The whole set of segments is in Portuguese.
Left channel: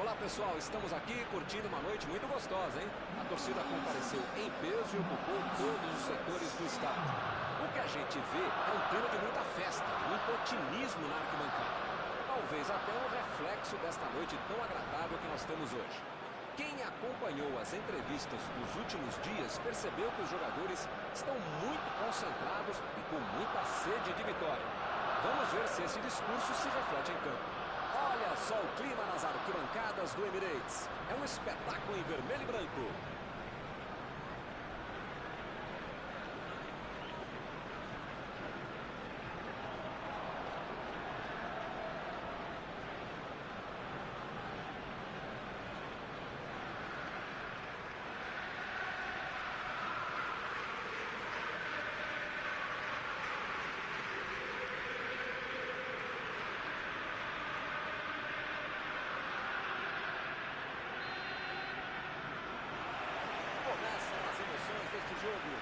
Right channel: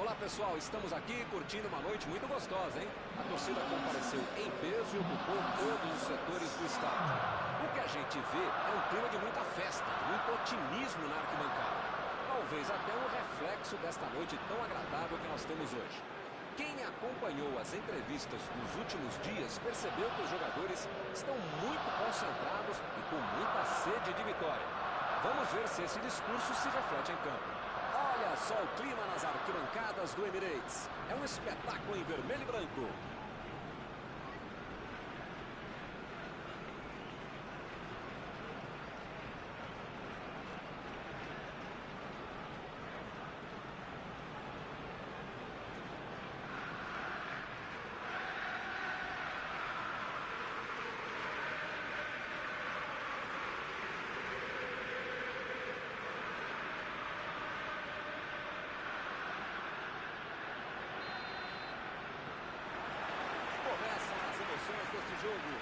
Olá pessoal, estamos aqui curtindo uma noite muito gostosa, hein? A torcida compareceu em peso e ocupou todos os setores do estádio. O que a gente vê é um clima de muita festa, de muito otimismo na arquibancada. Talvez até um reflexo desta noite tão agradável que nós temos hoje. Quem acompanhou as entrevistas dos últimos dias percebeu que os jogadores estão muito concentrados e com muita sede de vitória. Vamos ver se esse discurso se reflete em campo. Olha só o clima nas arquibancadas do Emirates. É um espetáculo em vermelho e branco. Começam as emoções deste jogo.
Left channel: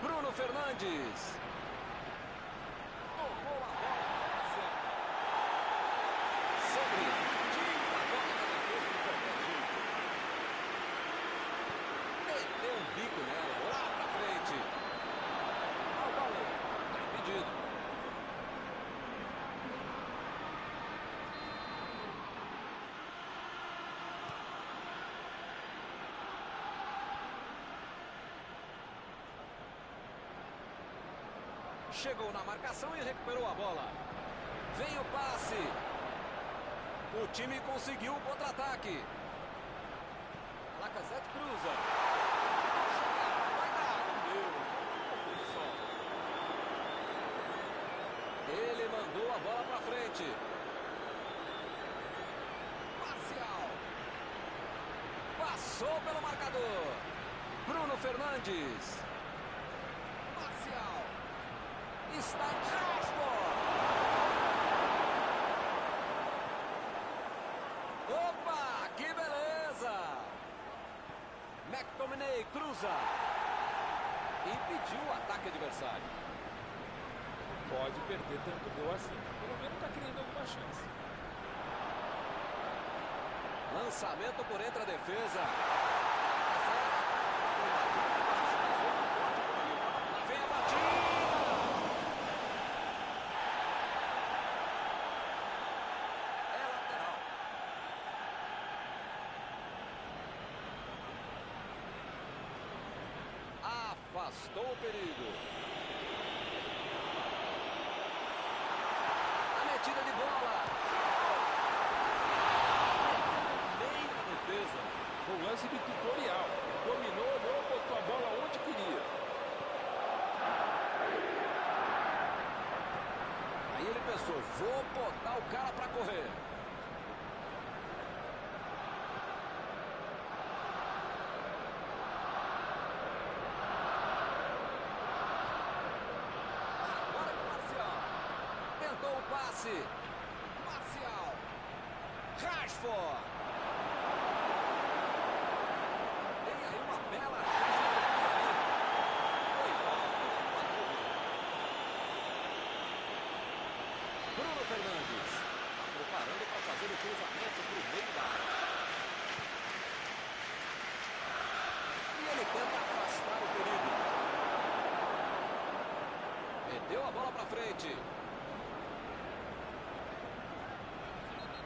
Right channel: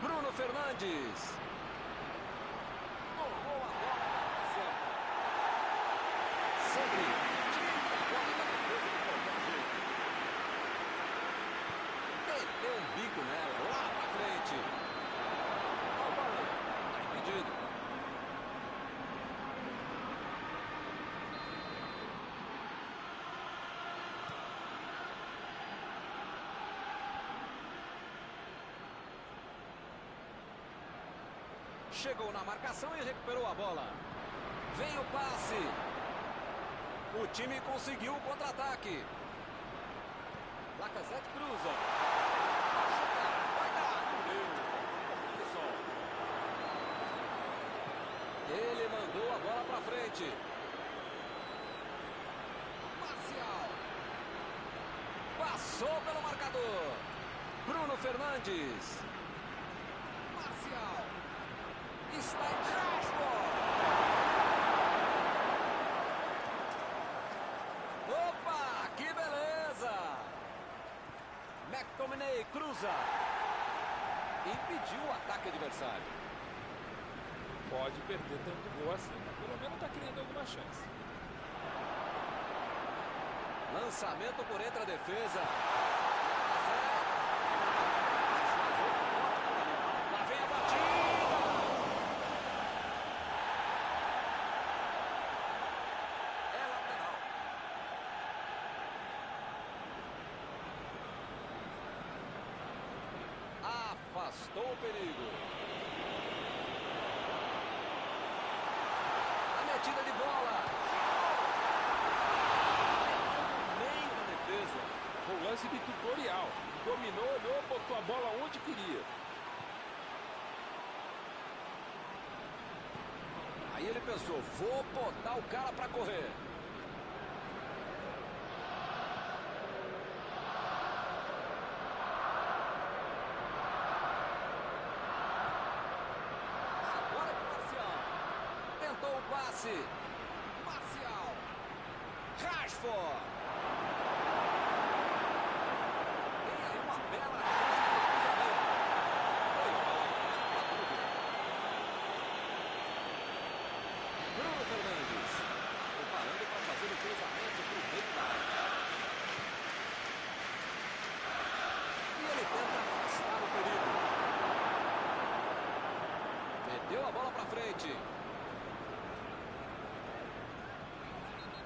Bruno Fernandes. Tomou a bola na hora certa. Sempre tira a bola da defesa de qualquer jeito. Meteu um bico nela, lá pra frente. Ao balão. Tá impedido. Chegou na marcação e recuperou a bola. Vem o passe. O time conseguiu o contra-ataque. Lacazette cruza. Vai chegar, vai dar. Não deu, falta um pouquinho só. Ele mandou a bola pra frente. Marcial. Passou pelo marcador. Bruno Fernandes. Marcial. Está em Rashford. Opa, que beleza! McTominay cruza. Impediu o ataque adversário. Não pode perder tanto gol assim, mas pelo menos está criando alguma chance. Lançamento por entre a defesa. Lá vem a batida. Afastou o perigo. A metida de bola. Meteu no meio da defesa. Foi um lance de tutorial. Dominou, olhou, botou a bola onde queria. Aí ele pensou, vou botar o cara pra correr. Tentou o passe. Marcial. Rashford. Tem aí uma bela chance de cruzamento. Foi falta, nenhuma dúvida. Bruno Fernandes. Preparando para fazer o cruzamento para o meio da área. E ele tenta afastar o perigo. Meteu a bola para frente.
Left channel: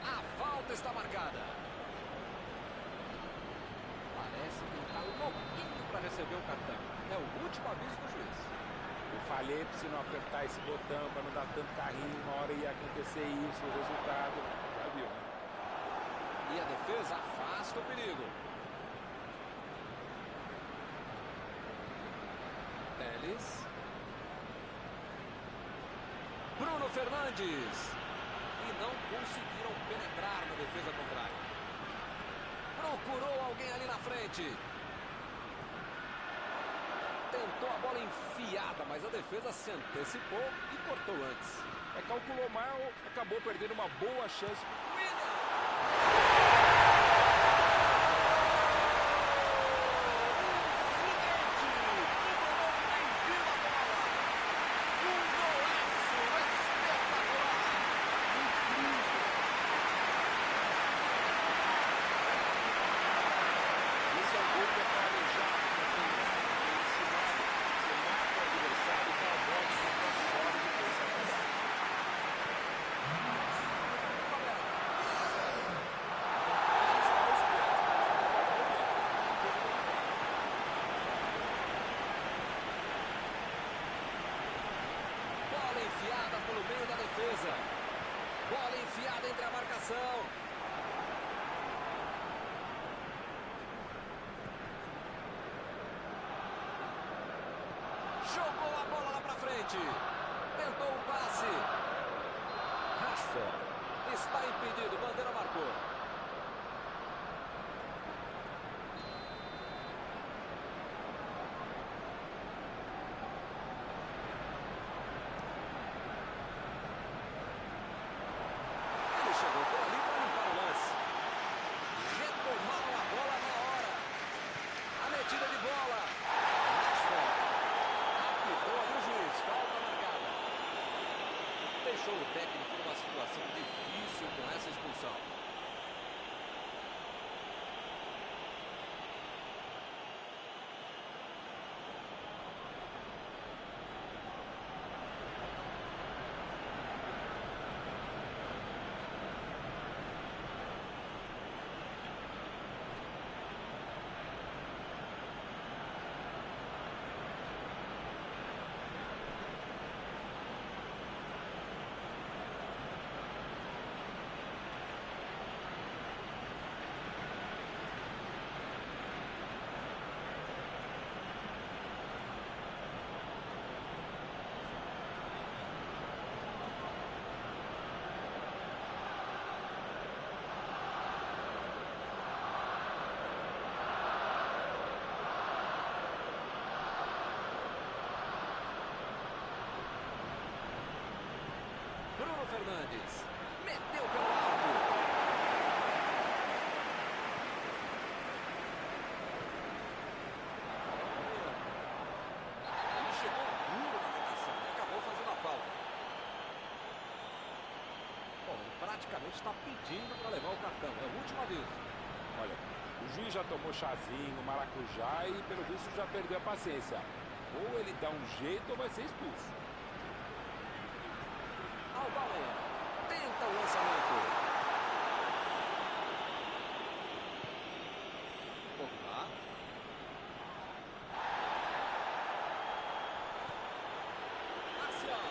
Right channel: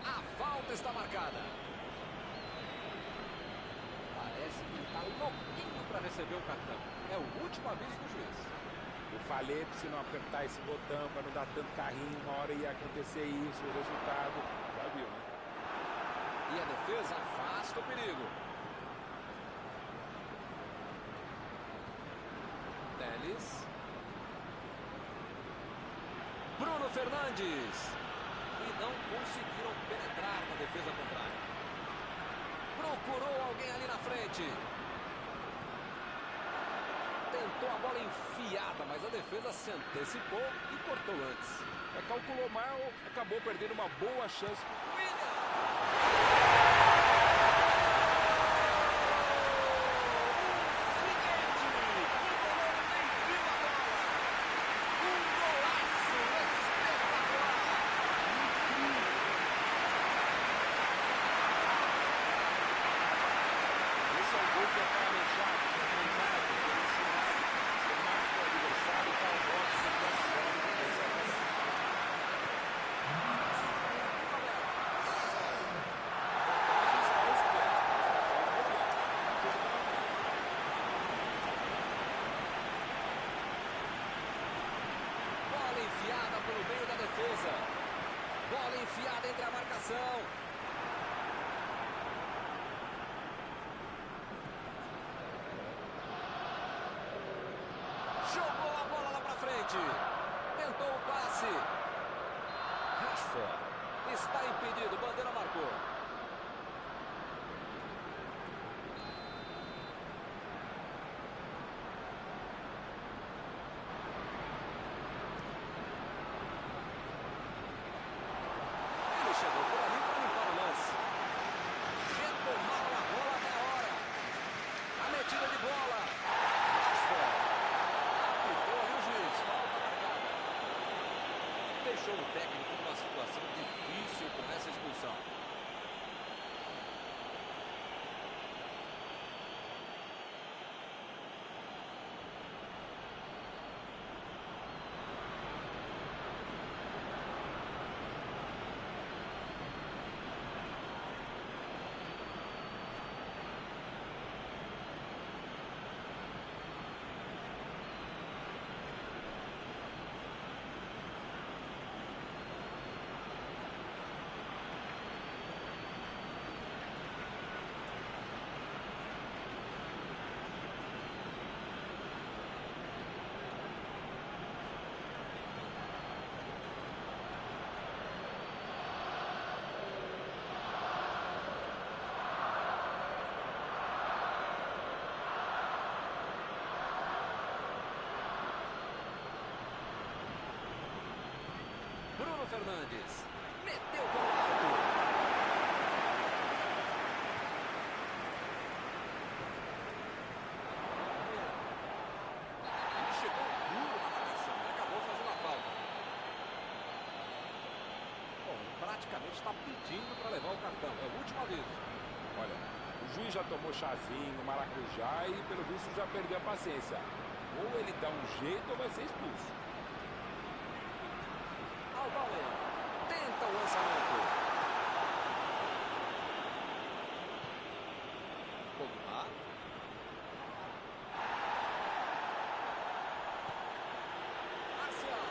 A falta está marcada. Parece que ele está louquinho para receber o cartão. É o último aviso do juiz. Eu falei para você não apertar esse botão, para não dar tanto carrinho. Uma hora ia acontecer isso, o resultado. Já viu, né? E a defesa afasta o perigo. Telles. Bruno Fernandes. E não conseguiram penetrar na defesa contrária. Procurou alguém ali na frente. Tentou a bola enfiada, mas a defesa se antecipou e cortou antes. Calculou mal, acabou perdendo uma boa chance. O goleiro nem viu a bola. Um golaço espetacular. que é planejado, que é treinado, que é ensinado. Você marca o adversário, dá o bote, você toma a bola e depois sai para baixo. A vantagem está aos pés, mas não pode bobear. Tem um jogo pela frente. Bola enfiada pelo meio da defesa. Bola enfiada entre a marcação. Jogou a bola lá pra frente. Tentou o passe. Rashford está impedido. Bandeira marcou. Ele chegou por ali para limpar o lance. Retomaram a bola na hora. A metida de bola. Rashford. Apitou ali o juiz. Falta marcada. Deixou o técnico numa situação difícil com essa expulsão. Bruno Fernandes. Meteu pelo alto. Ele chegou duro na marcação e acabou fazendo a falta. Bom, ele praticamente está pedindo para levar o cartão. É o último aviso. Olha, o juiz já tomou chazinho, maracujá e pelo visto já perdeu a paciência. Ou ele dá um jeito ou vai ser expulso. Aubameyang tenta o lançamento. Pogba. Marcial.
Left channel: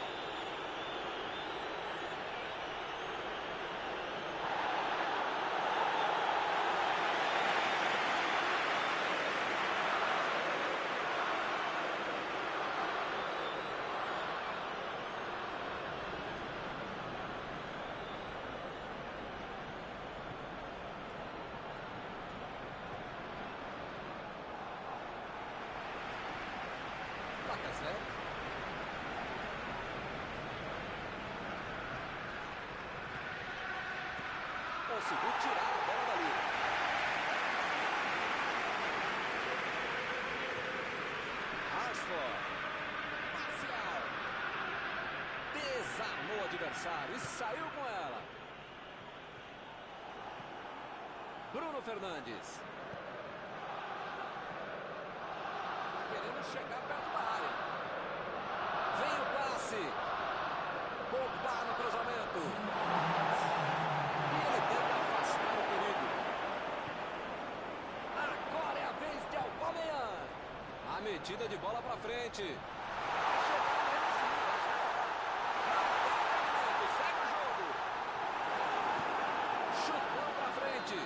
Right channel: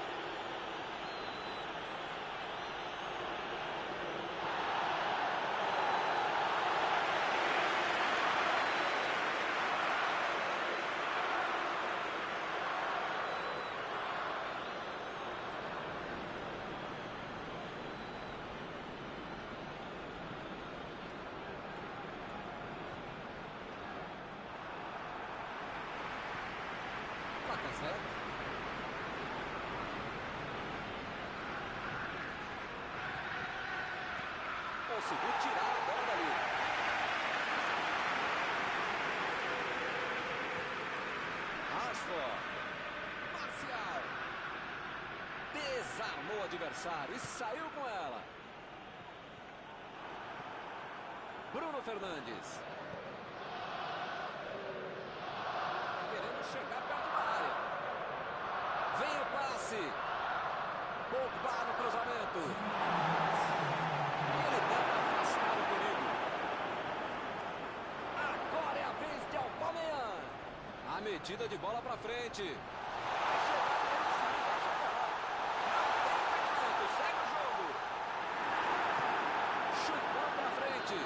Lacazette. Conseguiu tirar a bola dali. Rashford. Marcial. Desarmou o adversário e saiu com ela. Bruno Fernandes. Querendo chegar perto da área. Vem o passe. Pogba no cruzamento. E ele tenta afastar o perigo. Agora é a vez de Aubameyang. A metida de bola pra frente. Vai chegar nele sim, vai chegar. Não tem impedimento, segue o jogo. Chutão pra frente.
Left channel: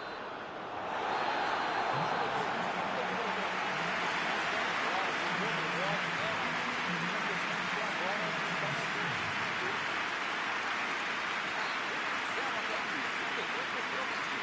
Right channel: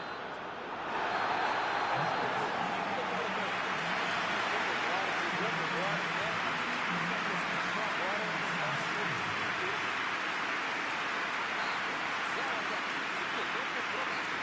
Jogou melhor, né? A questão só agora é tentar manter o que se manteve. Tá 1-0 até aqui. Segundo tempo promete.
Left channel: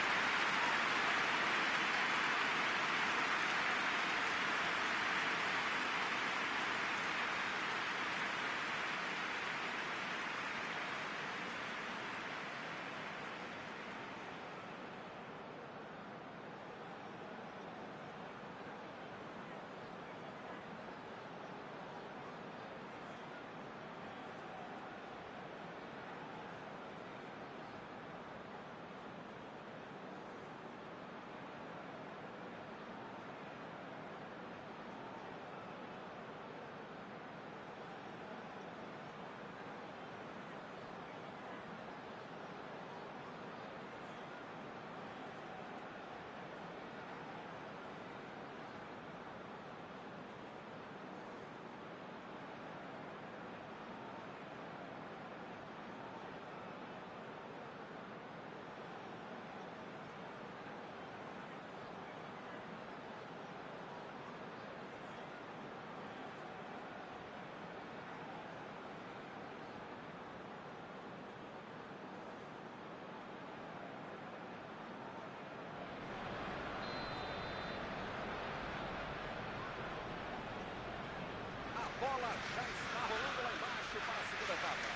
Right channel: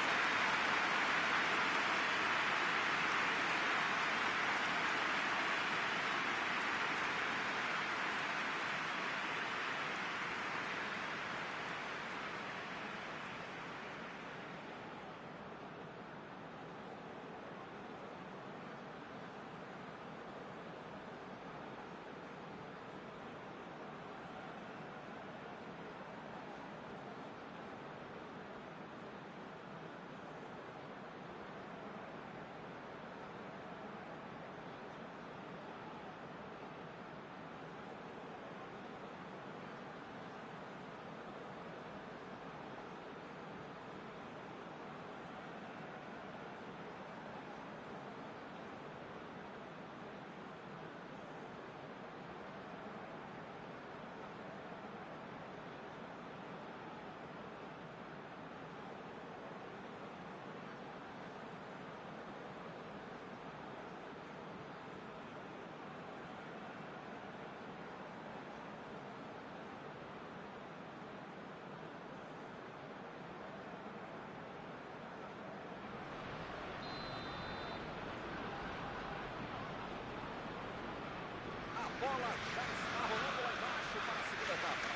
bola já está rolando lá embaixo para a segunda etapa.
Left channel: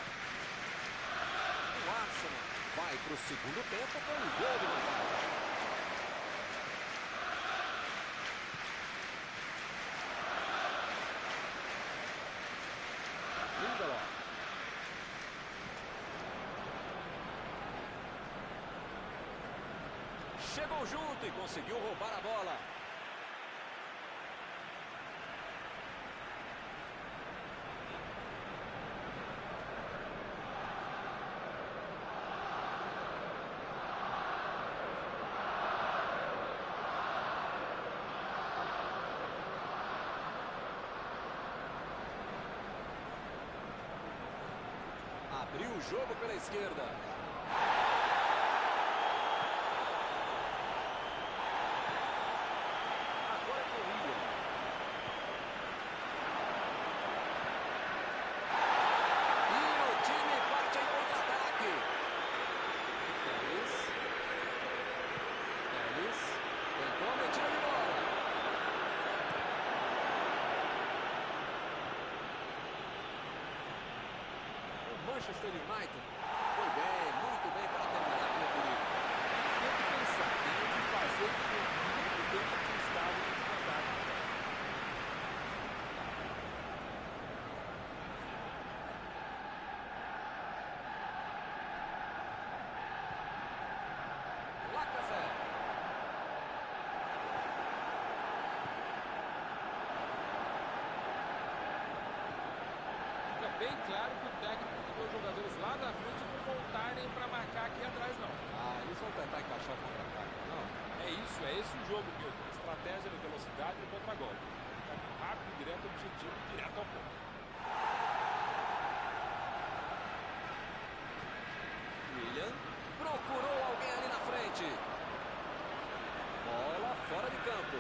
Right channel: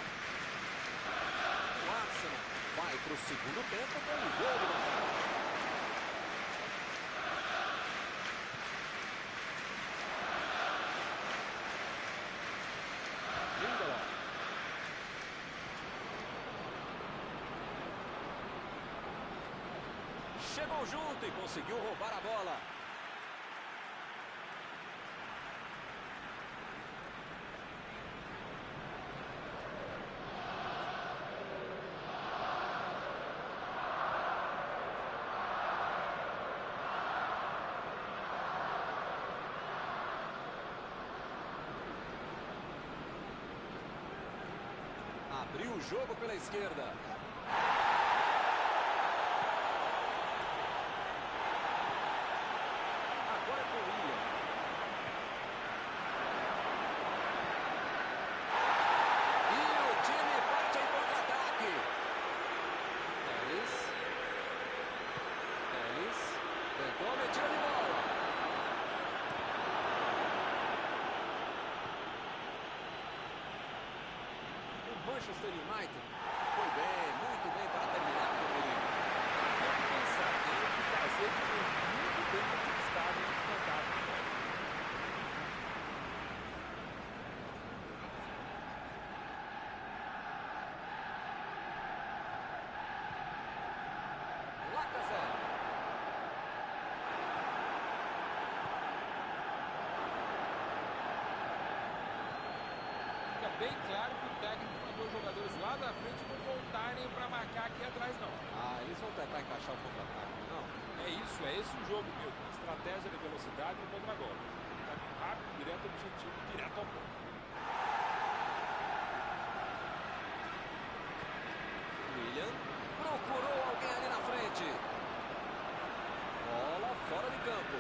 O Arsenal vai para o segundo tempo com um gol de vantagem. Lindelof. Chegou junto e conseguiu roubar a bola. Abriu o jogo pela esquerda. Agora é com o Willian. E o time parte em contra-ataque. Ellis. Tentou a metida de bola. Manchester United foi bem, muito bem para terminar com o perigo. Tem o que pensar, tem o que fazer, que fez muito bem para que estava em desvantagem também. Lacazette. Fica bem claro que o técnico mandou os jogadores lá da frente não voltarem para marcar aqui atrás, não. Eles vão tentar encaixar o contra-ataque, não? É isso, é esse o jogo, Milton. Estratégia de velocidade no contra-golpe. Caminho rápido, direto ao objetivo, direto ao ponto. Willian procurou alguém ali na frente. Bola fora de campo.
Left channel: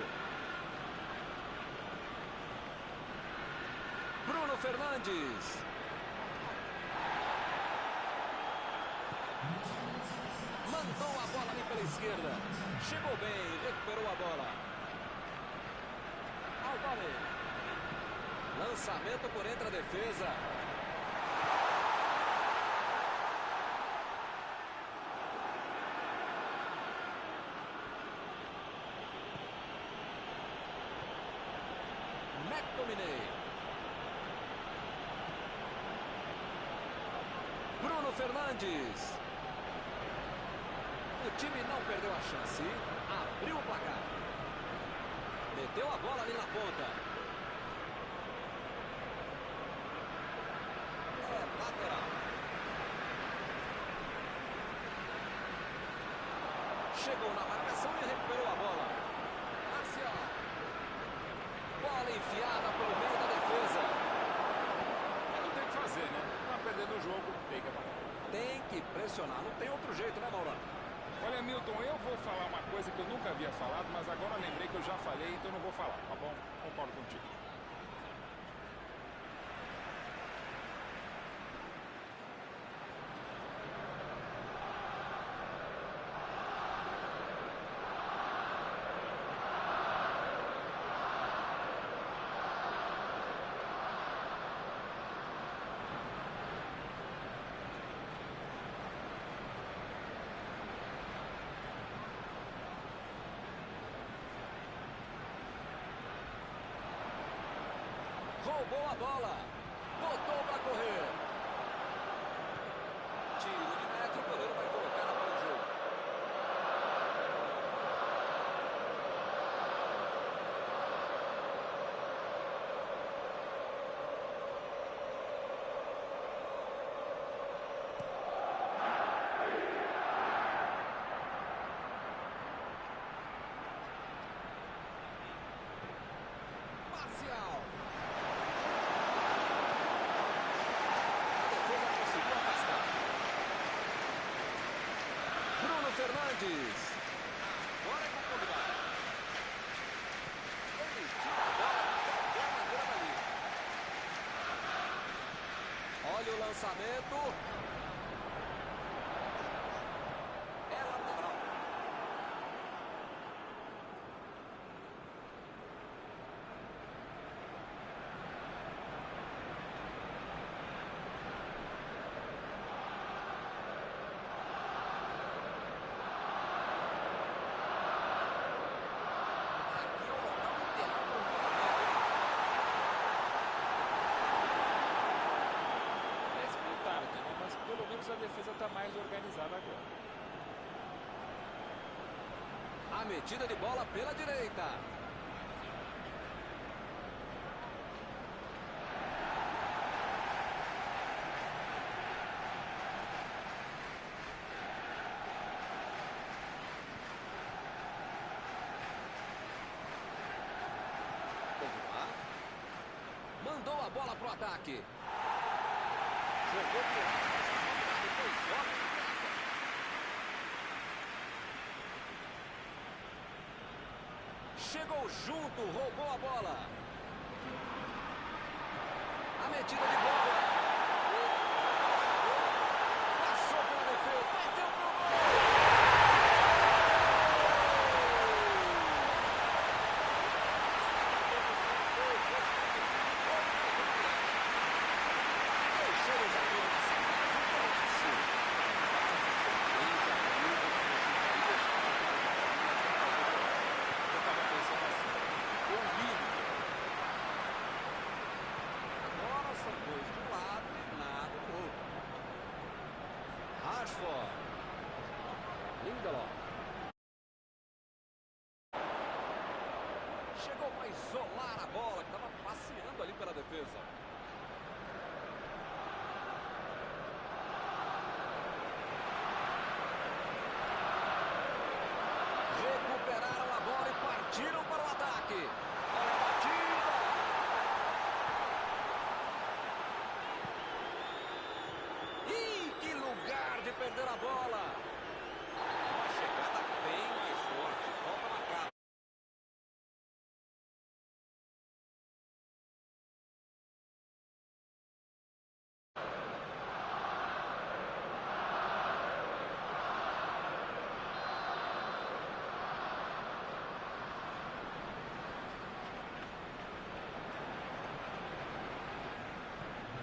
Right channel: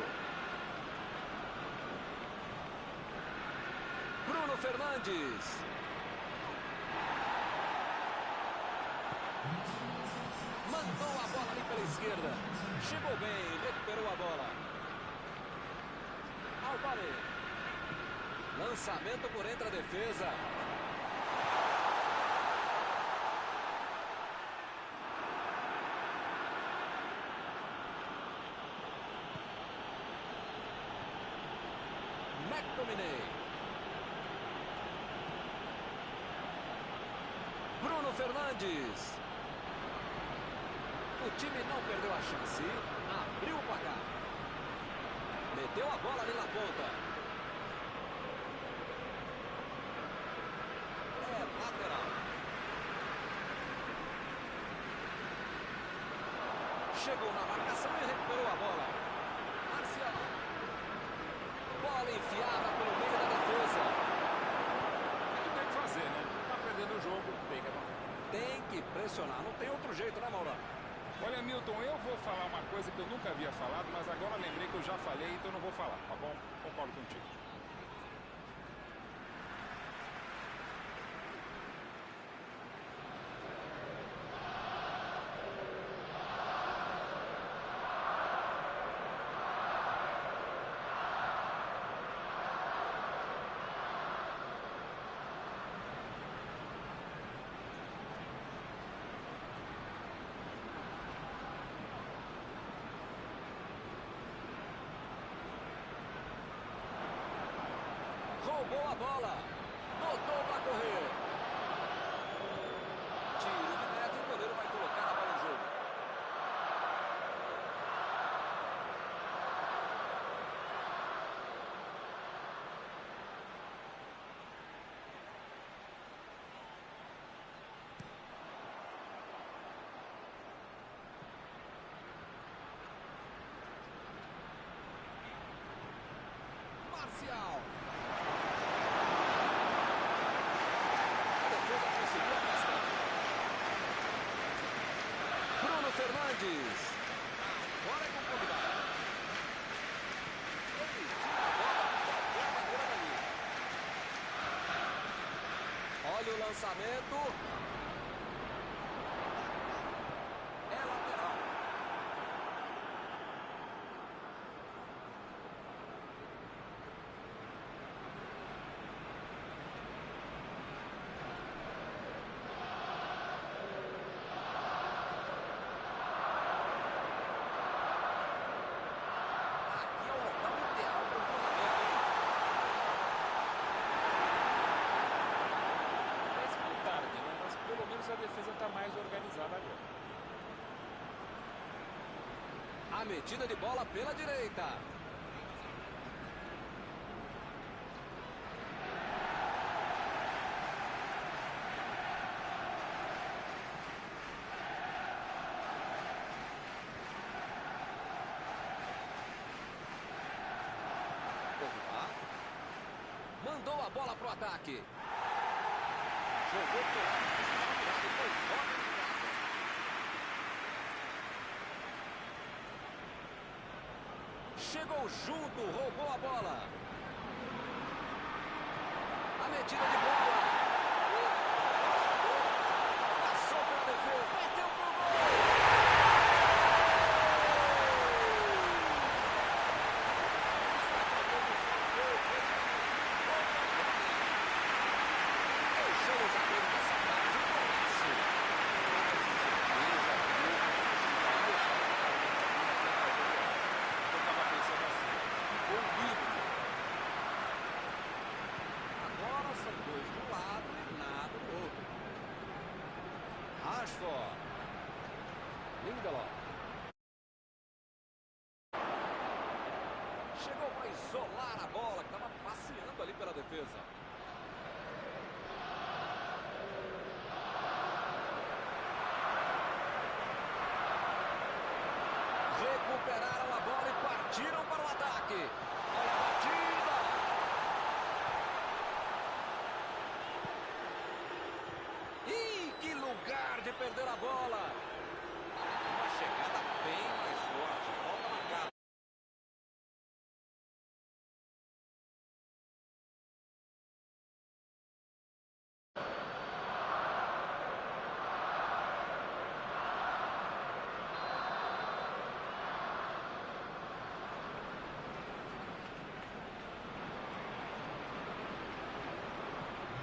Bruno Fernandes. Mandou a bola ali pela esquerda. Chegou bem, recuperou a bola. Albani. Lançamento por entre a defesa. McTominay. Bruno Fernandes. O time não perdeu a chance. Abriu o placar. Meteu a bola ali na ponta. É lateral. Chegou na marcação e recuperou a bola. Marcial. Bola enfiada pelo meio da defesa. Não tem o que fazer, né? Tá perdendo o jogo, tem que atacar. Tem que pressionar, não tem outro jeito, né, Maurão? Olha, Milton, eu vou falar uma coisa que eu nunca havia falado, mas agora lembrei que eu já falei, então eu não vou falar, tá bom? Concordo contigo. Roubou a bola. Botou para correr. Tiro de meta e o goleiro vai colocar a bola em jogo. Marcial. Conseguiu afastar. Bruno Fernandes. Agora é com o combinado. Ele tira a bola de qualquer maneira dali. Olha o lançamento. É lateral. menos, a defesa está mais organizada agora. A metida de bola pela direita. Mandou a bola pro ataque. Jogou pro lado, mas estava virado e foi fora na casa. Chegou junto, roubou a bola. A metida de bola. Passou pela defesa, bateu pro gol. Deixamos abrir uma saudade, um golaço. Quase certeza, viu, que você já ia chamar o cara de caminho até fazer o gol. Eu estava pensando assim, ficou lindo. Agora são dois de um lado e nada do outro. Rashford. Lindelof. Chegou para isolar a bola, que estava passeando ali pela defesa. Recuperaram a bola e partiram para o ataque. Olha a batida. Ih, que lugar de perder a bola. Uma chegada bem mais forte. Falta marcada.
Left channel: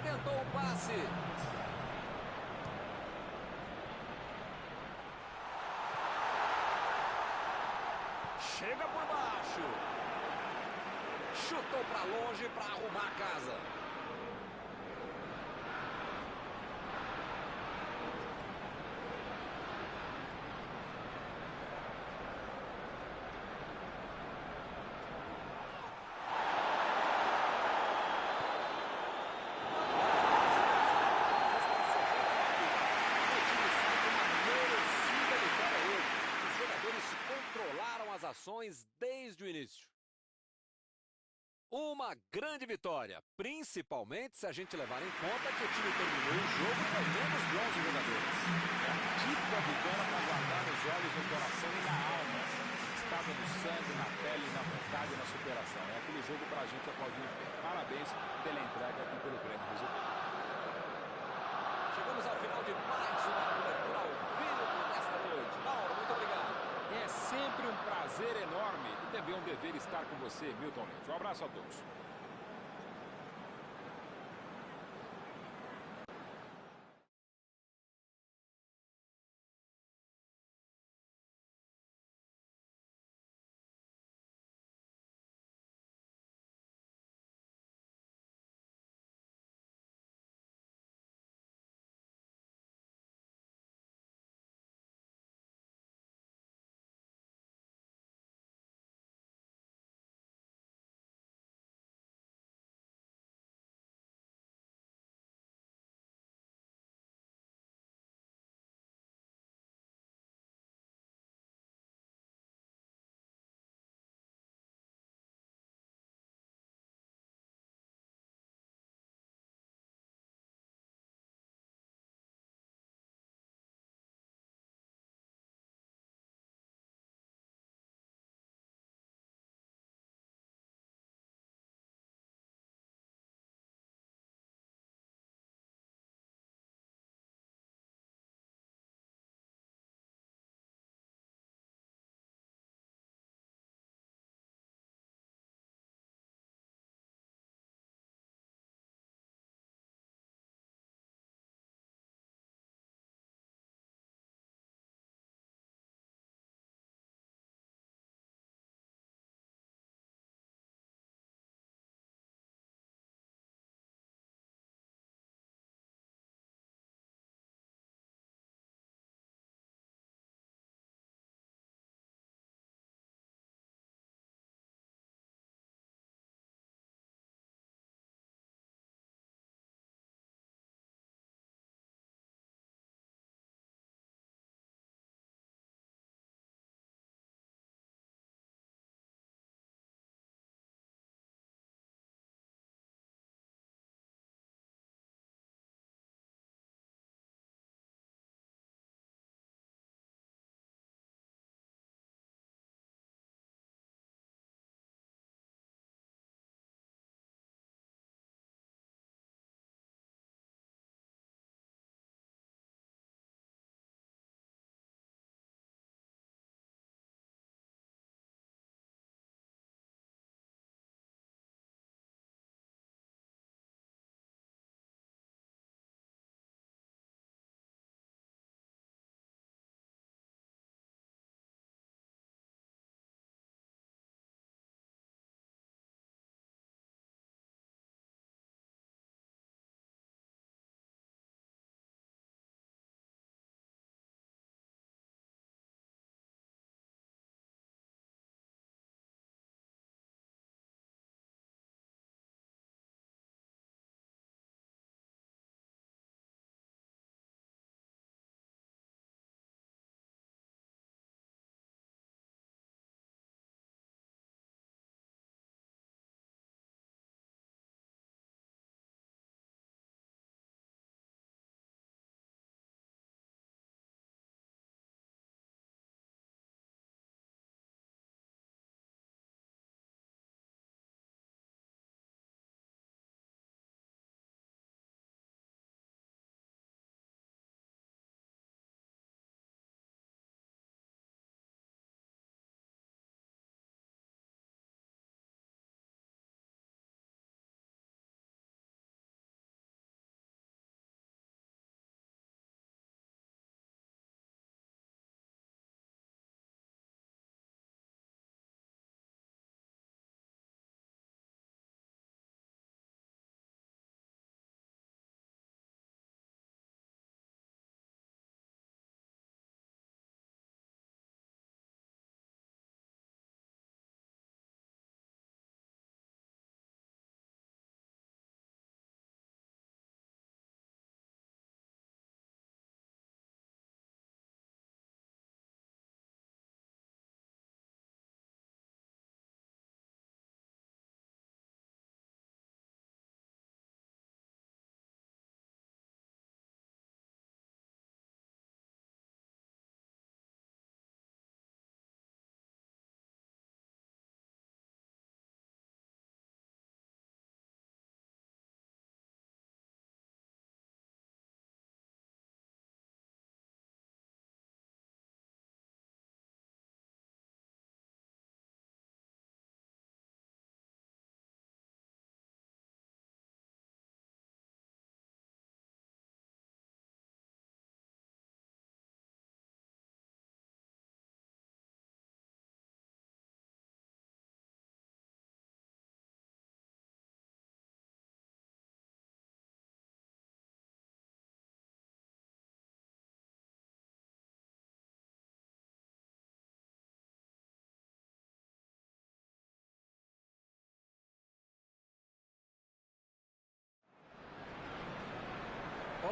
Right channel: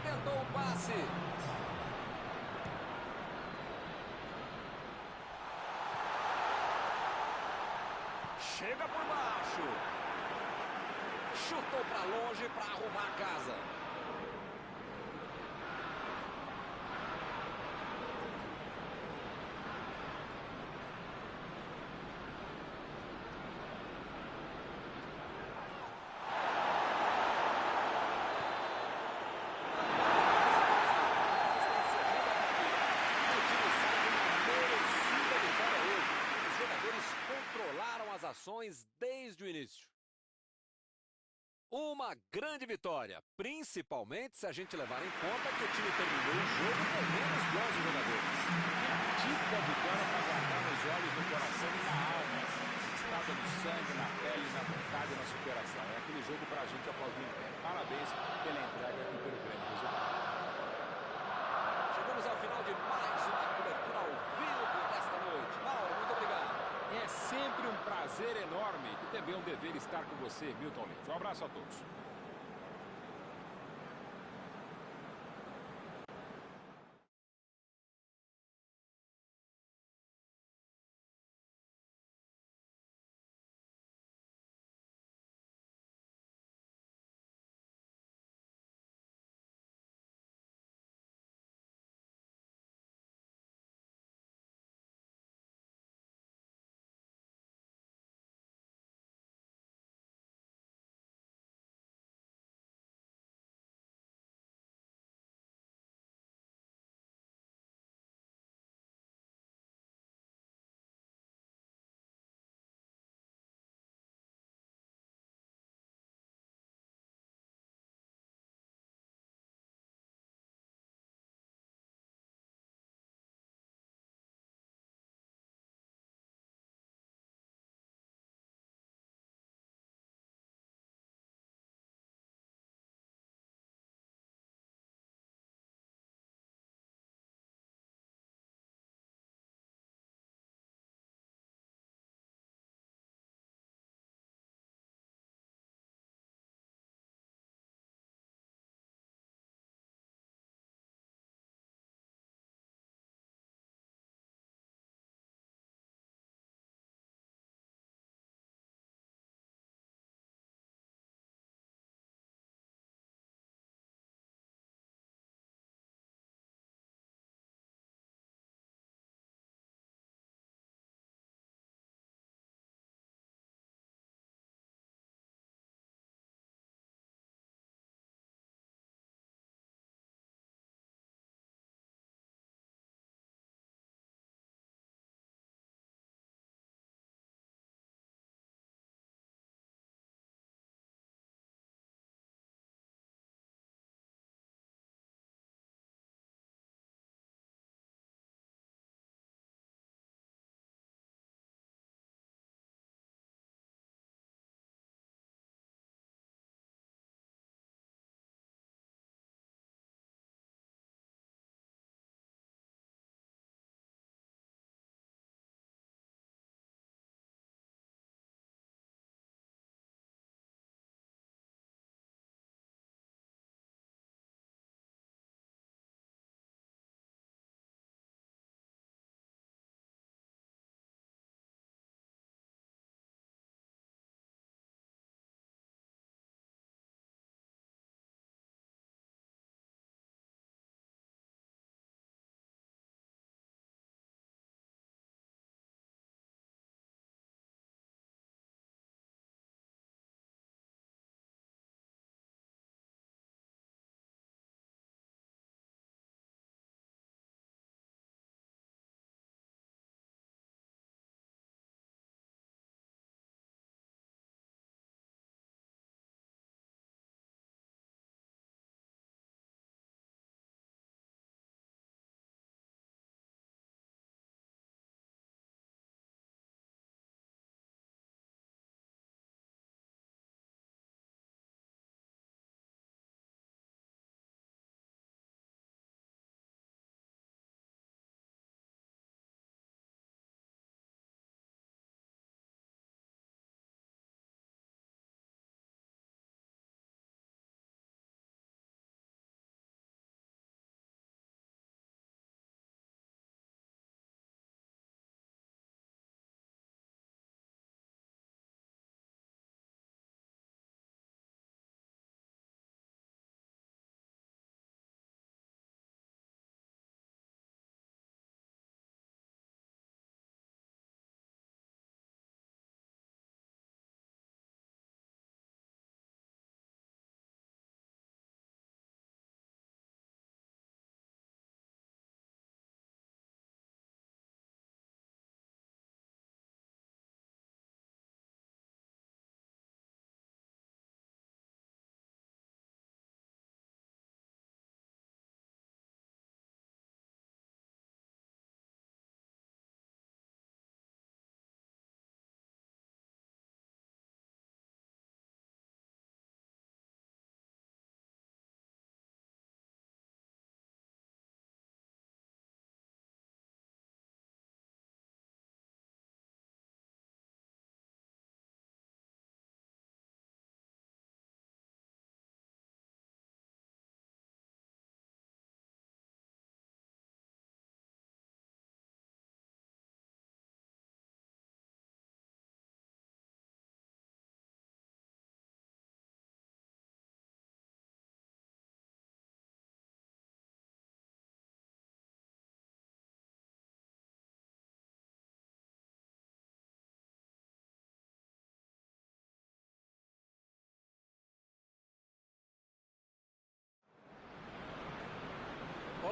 Tentou o passe. Chega por baixo. Chutou para longe para arrumar a casa. Controlaram as ações desde o início. Uma grande vitória, principalmente se a gente levar em conta que o time terminou o jogo com menos de 11 jogadores. É a típica vitória para guardar nos olhos, no coração e na alma. Estada no sangue, na pele, na vontade e na superação. É aquele jogo para a gente aplaudir em pé. Parabéns pela entrega e pelo grande resultado. Chegamos ao final de mais uma cobertura ao vivo desta noite. Mauro, muito obrigado. É sempre um prazer enorme e também um dever estar com você, Milton Leite. Um abraço a todos.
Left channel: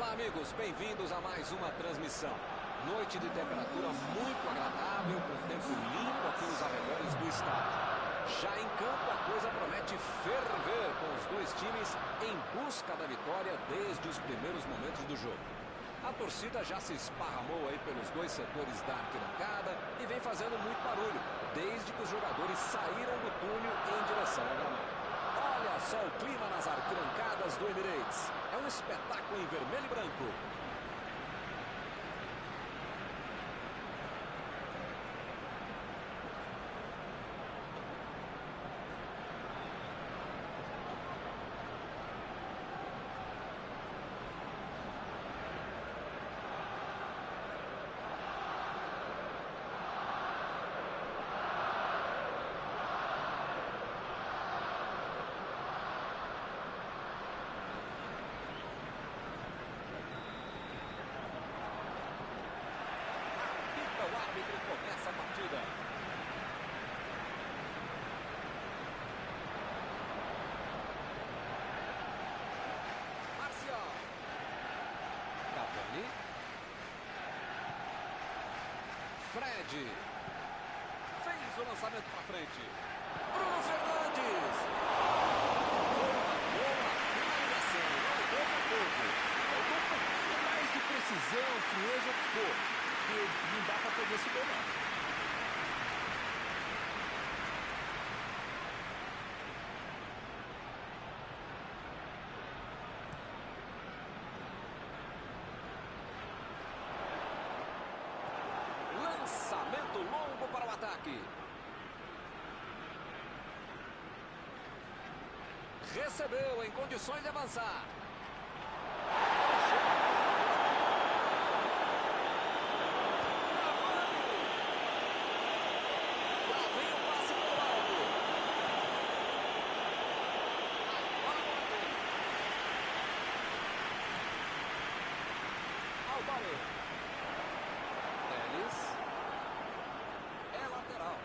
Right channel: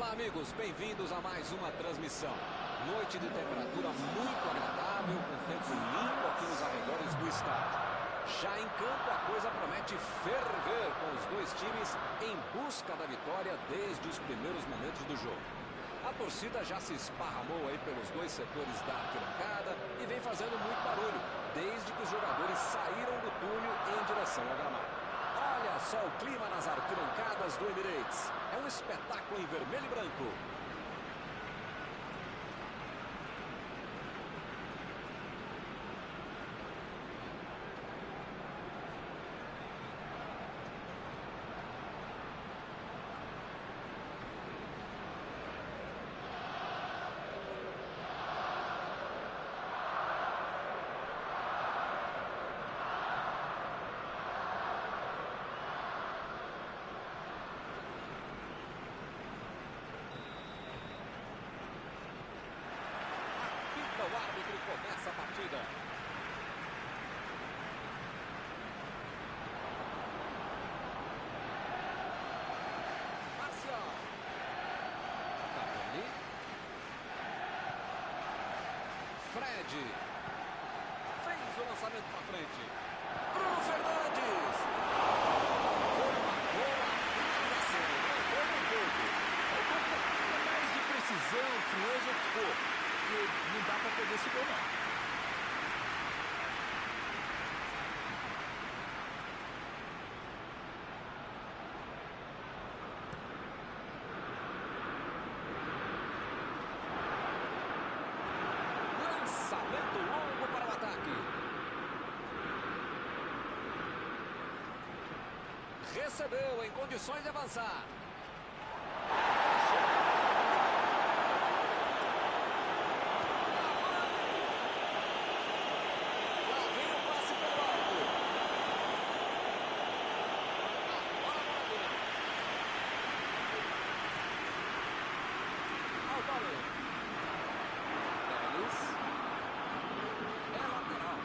Olá, amigos, bem-vindos a mais uma transmissão. Noite de temperatura muito agradável, com tempo limpo aqui nos arredores do estádio. Já em campo, a coisa promete ferver, com os dois times em busca da vitória desde os primeiros momentos do jogo. A torcida já se esparramou aí pelos dois setores da arquibancada e vem fazendo muito barulho, desde que os jogadores saíram do túnel em direção ao gramado. Olha só o clima nas arquibancadas do Emirates. É um espetáculo em vermelho e branco. O árbitro começa a partida. Marcial. Cavani. Fred. Fez o lançamento para frente. Bruno Fernandes. Foi uma boa finalização. Faltou um pouco. Faltou um pouquinho mais de precisão, frieza, o que for. Porque não dá para perder esse gol, não. Lançamento longo para o ataque. Recebeu em condições de avançar. Teles. É lateral.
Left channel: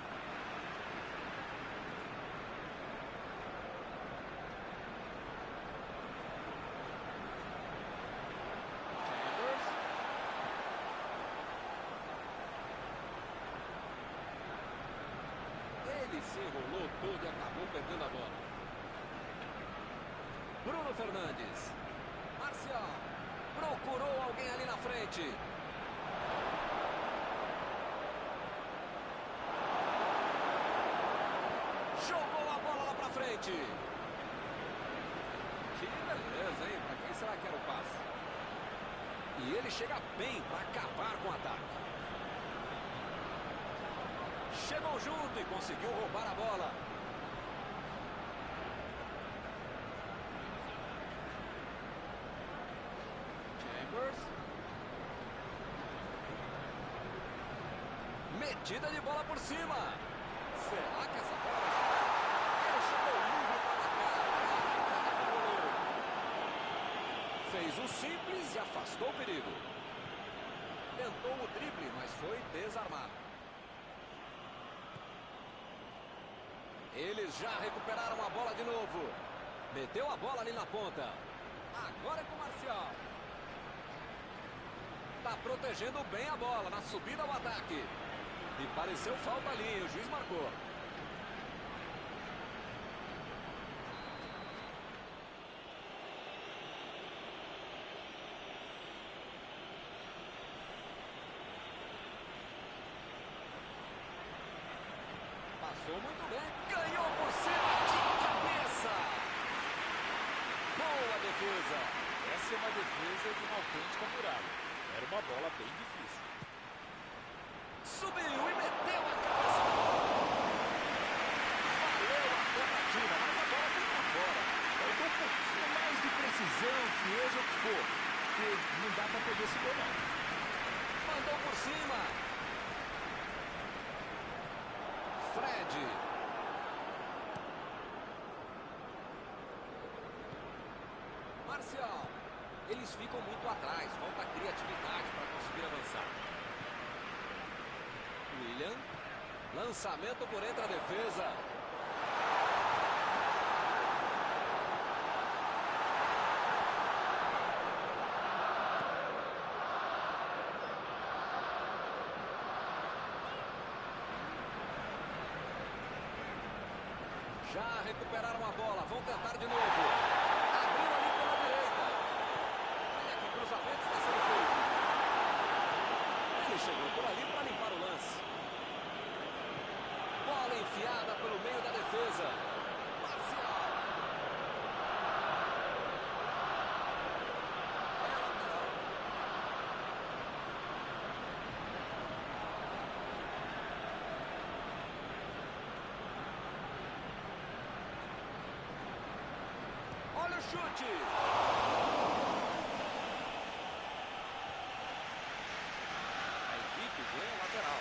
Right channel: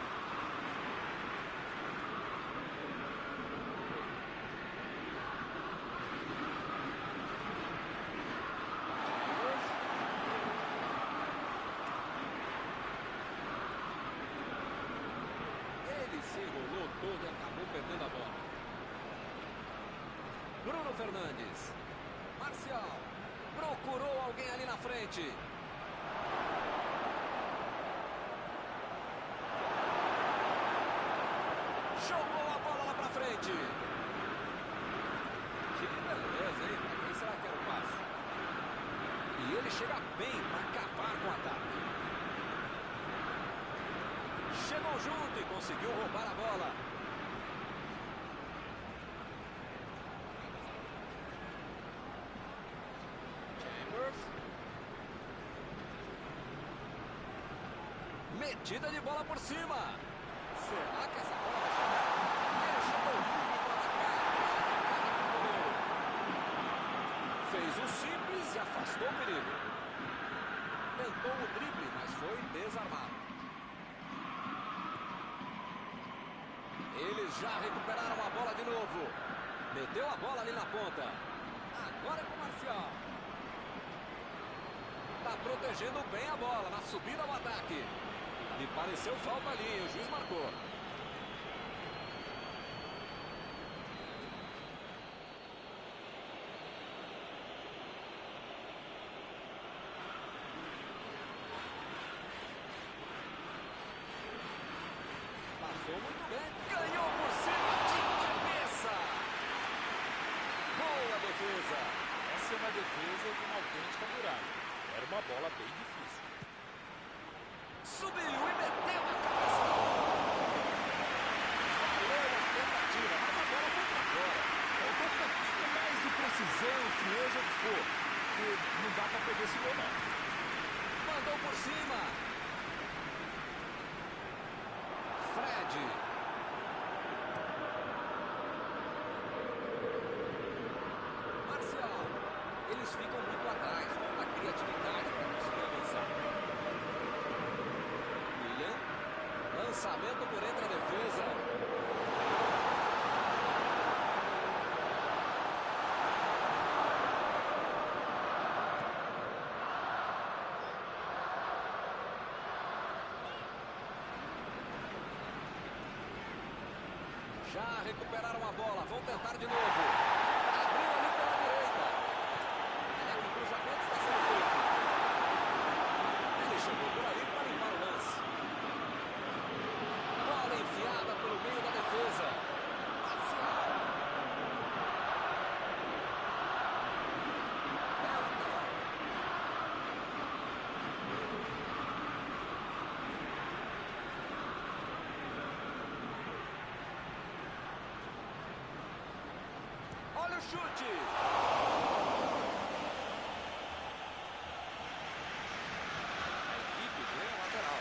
Chambers. Ele se enrolou todo e acabou perdendo a bola. Bruno Fernandes. Marcial. Procurou alguém ali na frente. Jogou a bola lá pra frente. Que beleza, hein? Pra quem será que era o passe? E ele chega bem para acabar com o ataque. Chegou junto e conseguiu roubar a bola. Metida de bola por cima. Será que essa bola vai chegar? Ele chegou livre para marcar. Cara com o goleiro. Fez o simples e afastou o perigo. Tentou o drible, mas foi desarmado. Eles já recuperaram a bola de novo. Meteu a bola ali na ponta. Agora é com o Marcial. Tá protegendo bem a bola na subida ao ataque. E pareceu falta ali, o juiz marcou. Passou muito bem, ganhou por cima de cabeça. Boa defesa. Essa é uma defesa de uma autêntica muralha. Era uma bola bem difícil. Subiu e meteu a cabeça na bola. Valeu a tentativa, mas a bola foi para fora. Faltou um pouquinho mais de precisão, frieza, o que for. Porque não dá para perder esse gol, não. Mandou por cima. Fred. Marcial. Eles ficam muito atrás, falta criatividade para conseguir avançar. William. Lançamento por entre a defesa. Já recuperaram a bola, vão tentar de novo. Abriu ali pela direita. Olha que cruzamento está sendo feito. Ele chegou por ali para limpar o lance. Bola enfiada pelo meio da defesa. Marcial. É lateral. Olha o chute. A equipe ganha o lateral.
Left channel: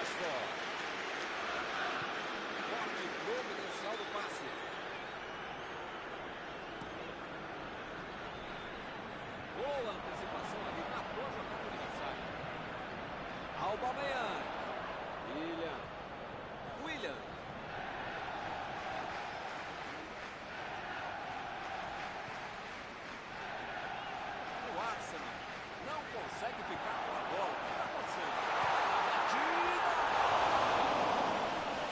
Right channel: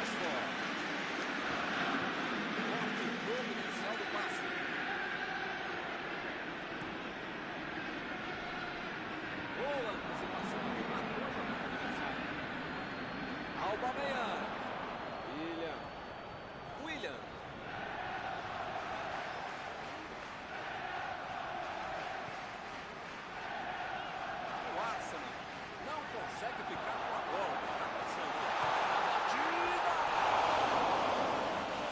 Ashford. Corte providencial do passe. Boa antecipação ali, matou a jogada adversária. Aubameyang. Willian. O Arsenal não consegue ficar com a bola. O que está acontecendo? A batida!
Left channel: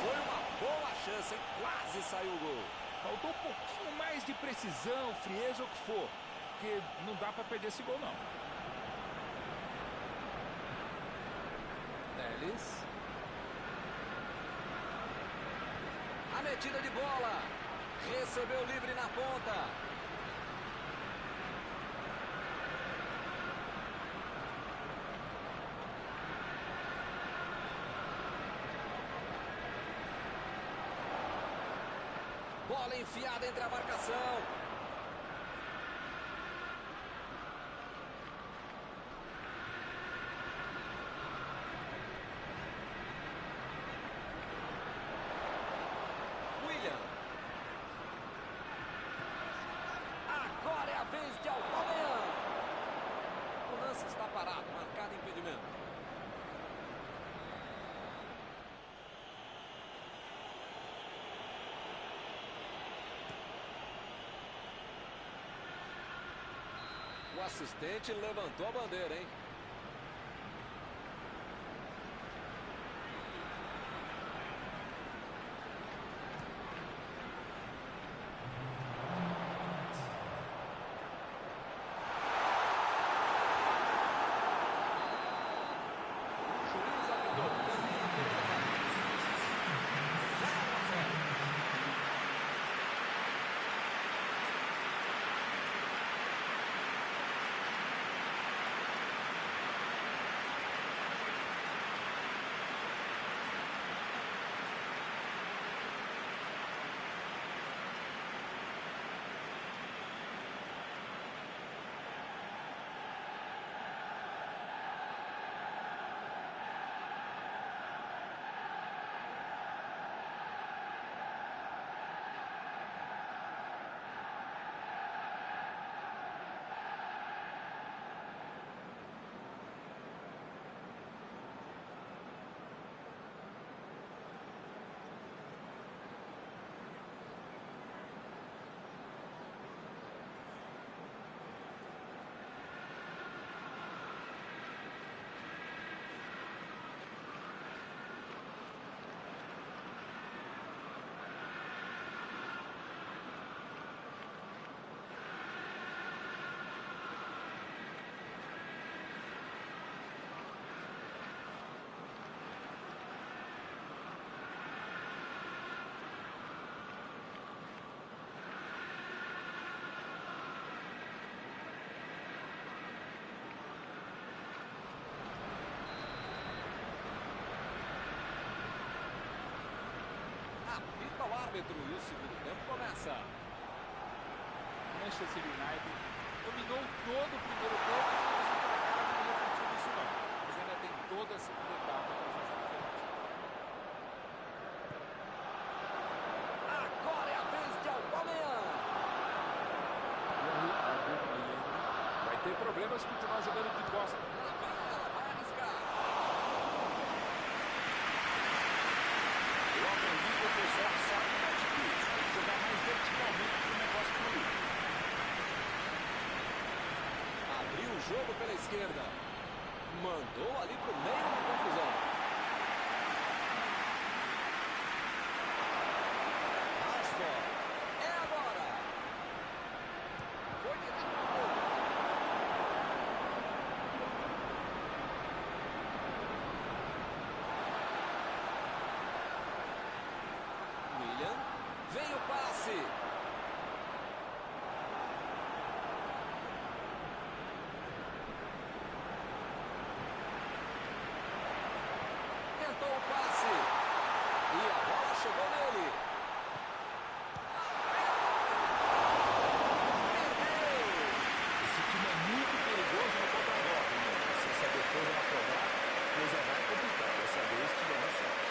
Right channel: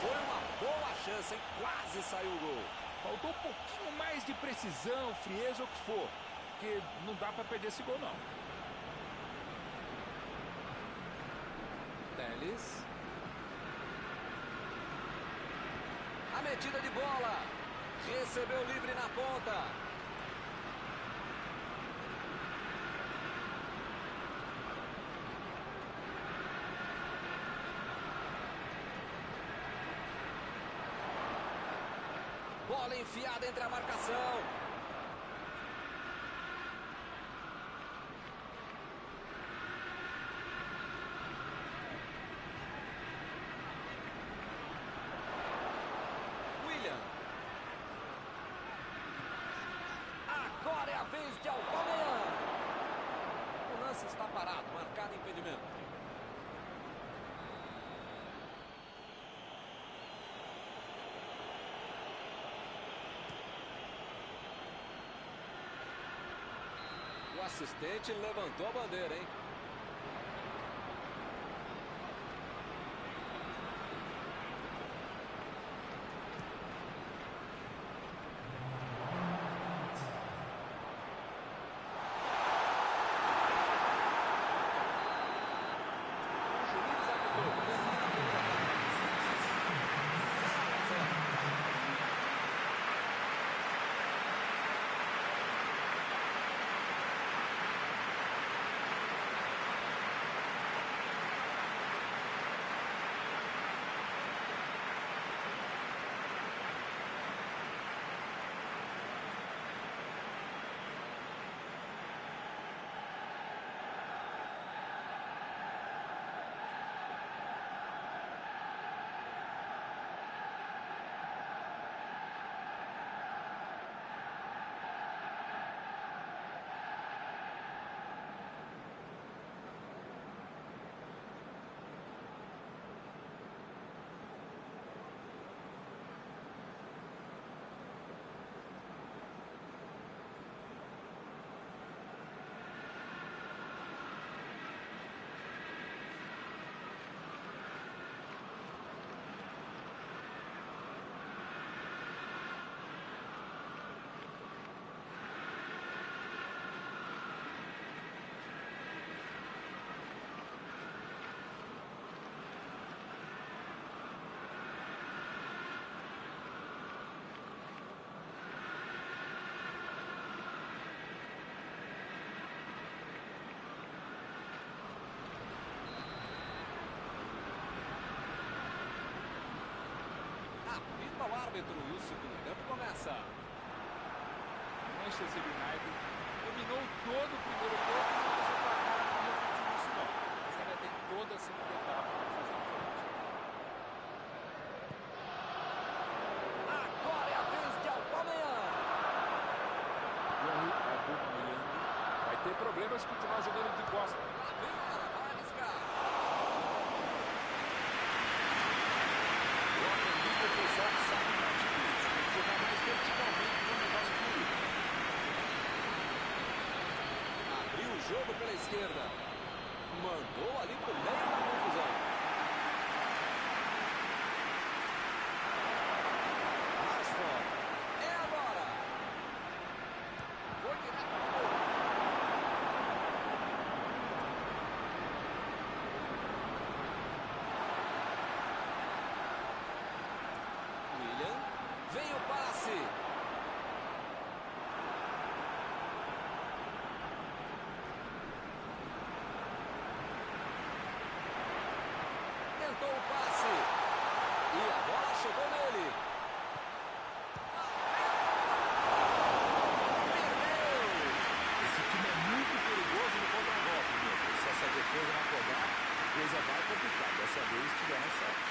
Foi uma boa chance, hein? Quase saiu o gol. Faltou um pouquinho mais de precisão, frieza ou o que for. Porque não dá para perder esse gol, não. Telles. A metida de bola. Recebeu livre na ponta. Bola enfiada entre a marcação. Agora é a vez de Aubameyang. O lance está parado, marcado impedimento. O assistente levantou a bandeira, hein? Apita o árbitro e o segundo tempo começa. Manchester United dominou todo o primeiro tempo, mas o placar não refletiu nisso não. Mas ainda tem toda a segunda etapa para fazer diferente. Agora é a vez de Aubameyang. Vai ter problemas se continuar jogando de costas. Lá vem ela, vai arriscar. Eu aprendi com o pessoal que sabe dar atitudes. Tem que jogar mais verticalmente para o negócio fluir. jogo pela esquerda. Mandou ali pro meio da confusão. Rashford. É agora. Foi direto pro gol. William. Vem o passe. Tentou o passe. E a bola chegou nele. Perdeu. Esse time é muito perigoso no contra-golpe, meu. Se essa defesa não acordar, a coisa vai complicar. Dessa vez tiveram sorte.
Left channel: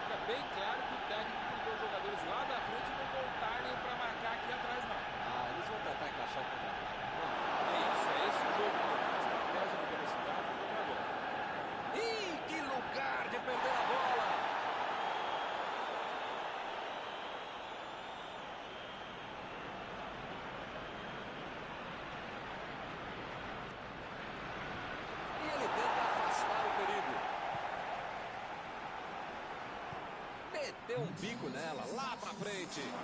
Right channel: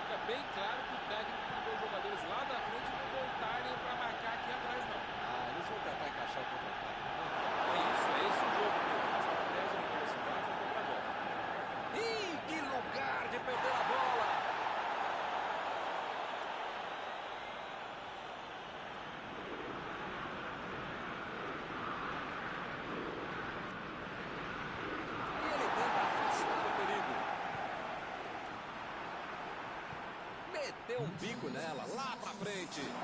Fica bem claro que o técnico mandou os jogadores lá da frente não voltarem para marcar aqui atrás, não. Eles vão tentar encaixar o contra-ataque. Não. É esse o jogo mesmo. Estratégia de velocidade no contra-golpe. Ih, que lugar de perder a bola! E ele tenta afastar o perigo. Meteu um bico nela, lá pra frente.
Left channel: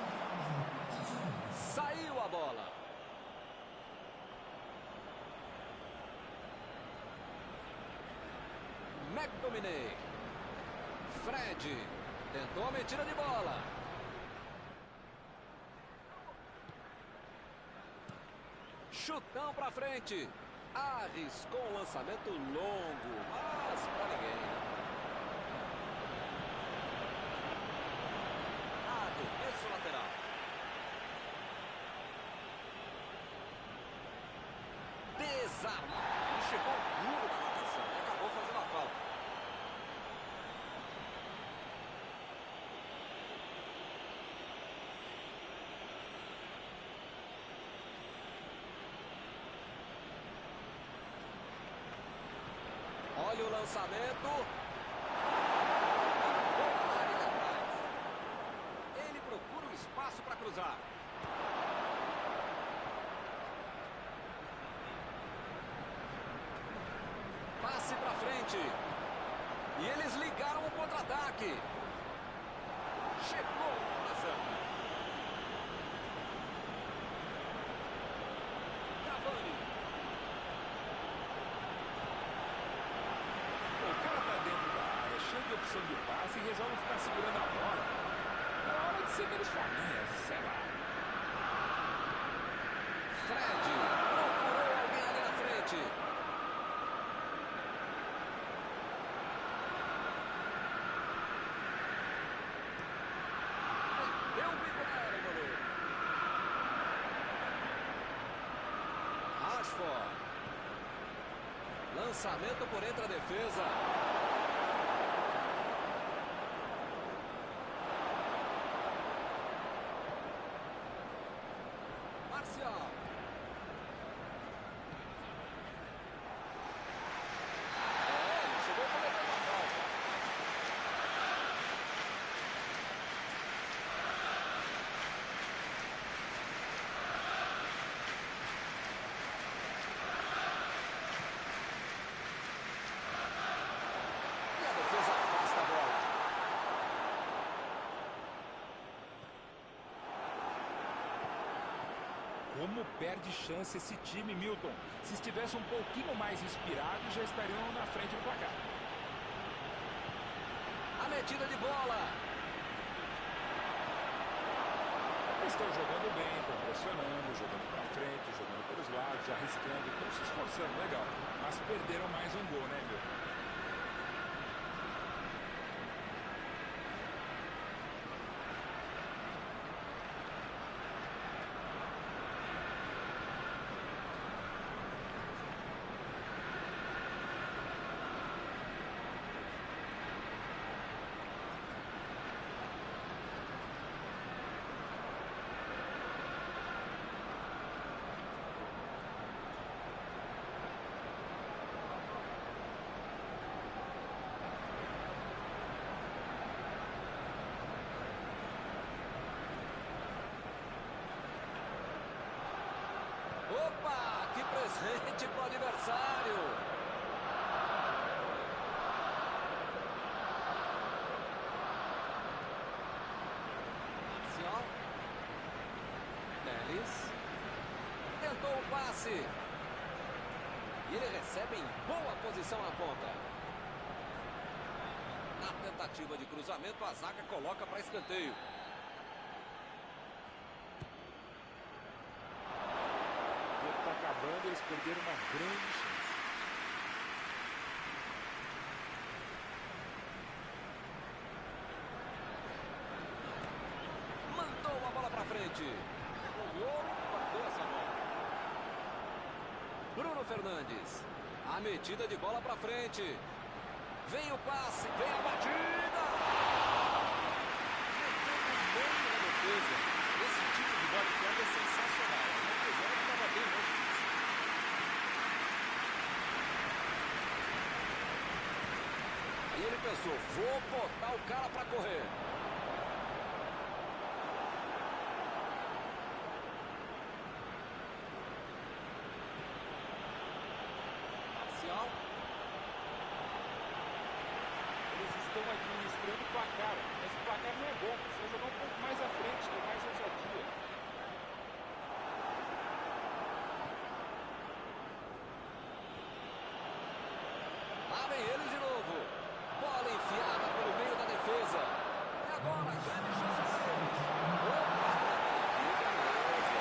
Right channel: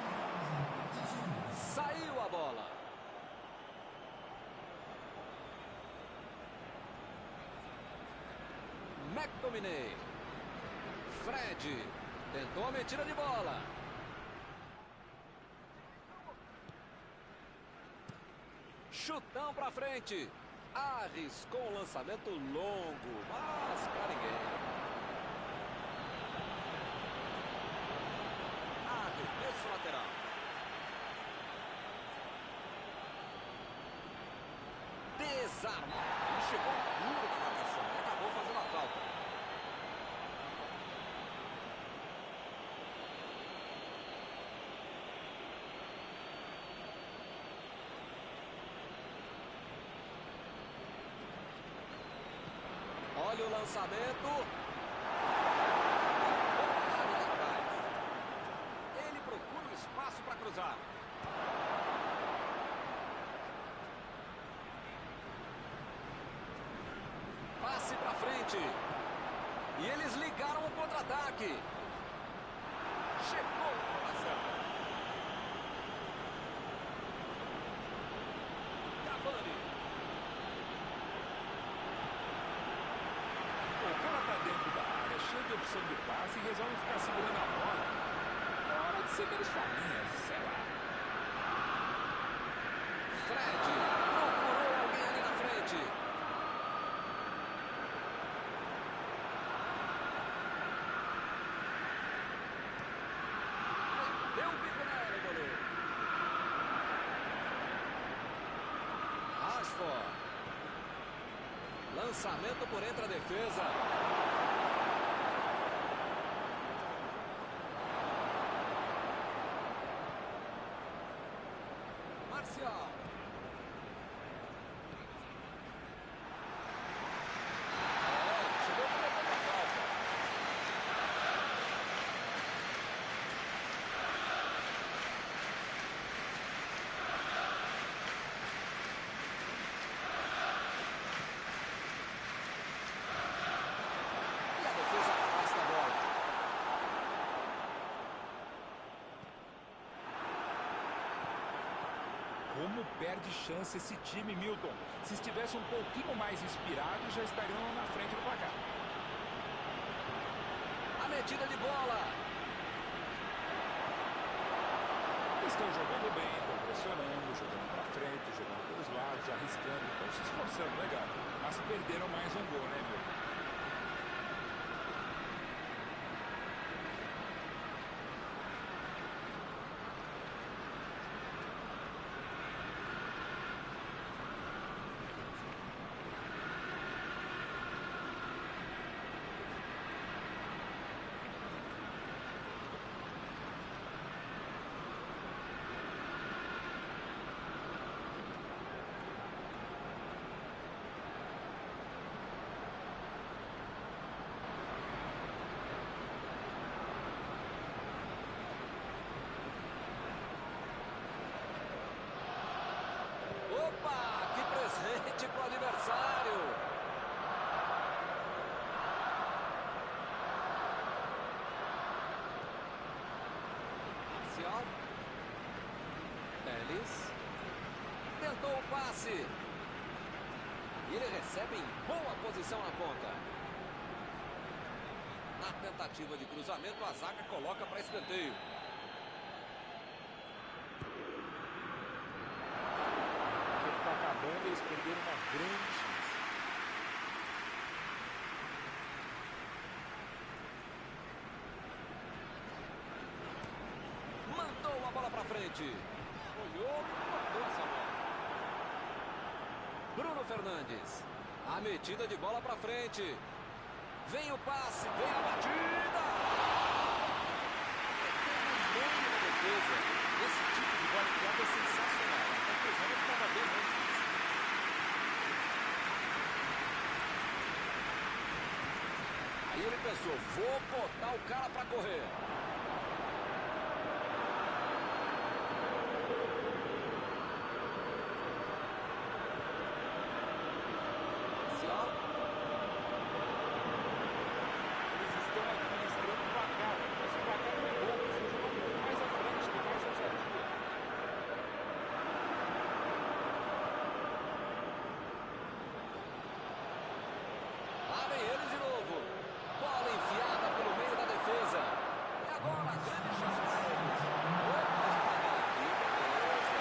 Saiu a bola. McTominay. Fred. Tentou a metida de bola. Chutão pra frente. Arriscou um lançamento longo, mas pra ninguém. Arremesso lateral. Desarmou. Ele chegou duro na marcação e acabou fazendo a falta. Olha o lançamento. Boa área ali atrás. Ele procura o espaço para cruzar. Passe para frente. E eles ligaram o contra-ataque. Chegou na certa. Cavani. O cara tá dentro da área, cheio de opção de passe e resolve ficar segurando a bola. É hora de ser menos faminha, sei lá. Fred procurou alguém ali na frente. Deu um bico nela, goleiro. Rashford. Lançamento por entre a defesa. Marcial. Ele chegou cometendo a falta. E a defesa afasta a bola. Como perde chance esse time, Milton. Se estivesse um pouquinho mais inspirado, já estariam na frente do placar. A metida de bola. Eles estão jogando bem, estão pressionando, jogando para frente, jogando pelos lados, arriscando, estão se esforçando, legal. Mas perderam mais um gol, né, Milton? que presente para o adversário. Marcial. Teles. Tentou o passe. E ele recebe em boa posição na ponta. Na tentativa de cruzamento, a zaga coloca para escanteio. O tempo está acabando, eles perderam uma grande chance. Mandou a bola para frente. Olhou e mandou essa bola. Bruno Fernandes. A metida de bola para frente. Vem o passe, vem a batida. Meteu no meio da defesa. Esse tipo de bola enfiada é sensacional. A conclusão é que estava bem longe disso. Aí ele pensou, vou botar o cara para correr. Marcial. Eles estão administrando o placar, mas o placar não é bom. Precisa jogar um pouco mais à frente, ter mais ousadia. Lá vem ele de novo. Bola enfiada pelo meio da defesa. E agora, grande chance para eles. Opa, que beleza.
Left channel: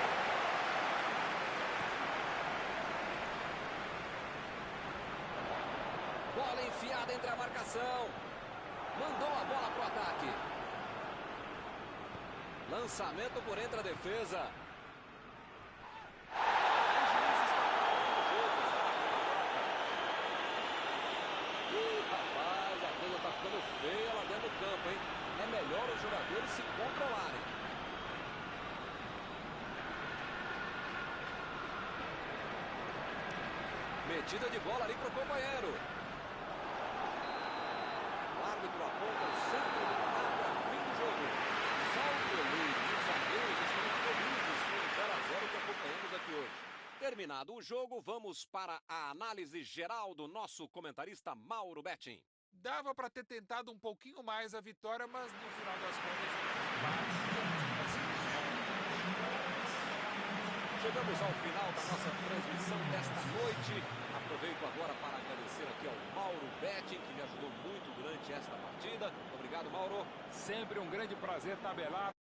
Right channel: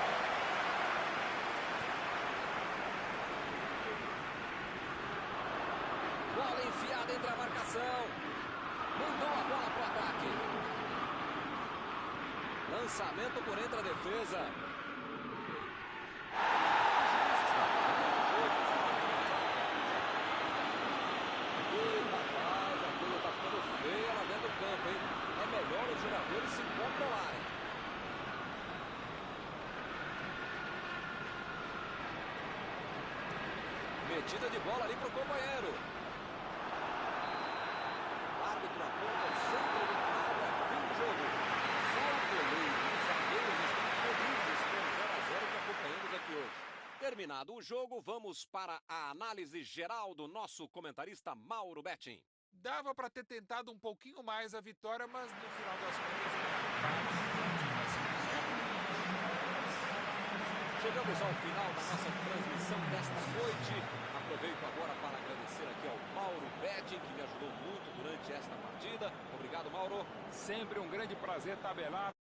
Bola enfiada entre a marcação. Mandou a bola para o ataque. Lançamento por entre a defesa. O juiz está parando o jogo. Está marcando a falta. Ih, rapaz, a coisa está ficando feia lá dentro do campo, hein? É melhor os jogadores se controlarem. Metida de bola ali para o companheiro. O árbitro aponta o centro do gramado, é fim do jogo. Só o goleiro e os zagueiros estão felizes com o 0 a 0 que acompanhamos aqui hoje. Terminado o jogo, vamos para a análise geral do nosso comentarista Mauro Betting. Dava para ter tentado um pouquinho mais a vitória, mas no final das contas ele empate. Chegamos ao final da nossa transmissão desta noite. Aproveito agora para agradecer aqui ao Mauro Betting, que me ajudou muito durante esta partida. Obrigado, Mauro. Sempre um grande prazer tabelar.